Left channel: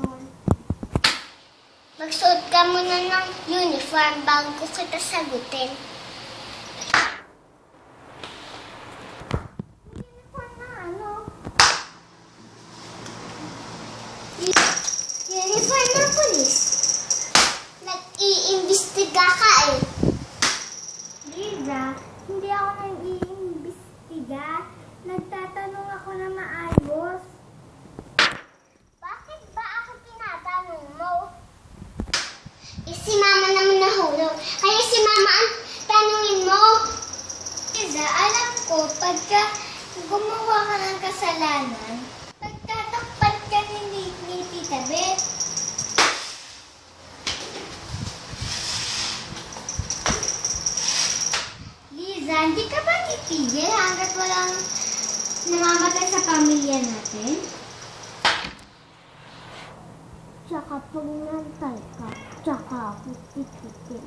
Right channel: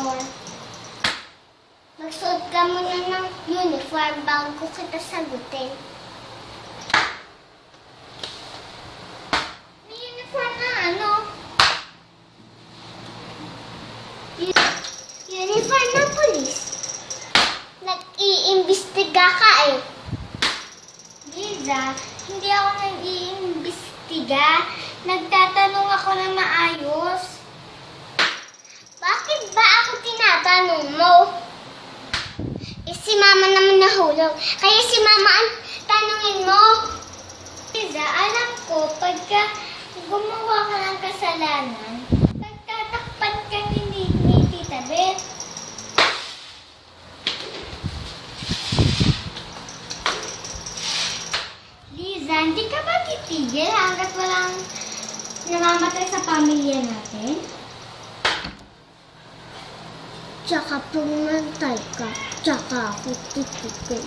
uniform. Magsuot ka muna ng uniform bago kita sagutin. May uniform na ano? Uniform ng pulis. Nag-iimbestiga ka eh. Liza, hindi ako nag-iimbestiga. Nagtatanong ako na maayos. Bakit ba ako tinatanong mo? Eh, si Mama naman nahulog. Kaya si Mama ang tanungin mo. Liza, alam ko, pagka gumawa ka ng kasalanan, pagtatakpan ka ni Tita Beth. Liza, hindi ka ba titigil hanggat walang namamatay sa pamilya natin? Tsaka pag matay ka, tsaka ako titigil.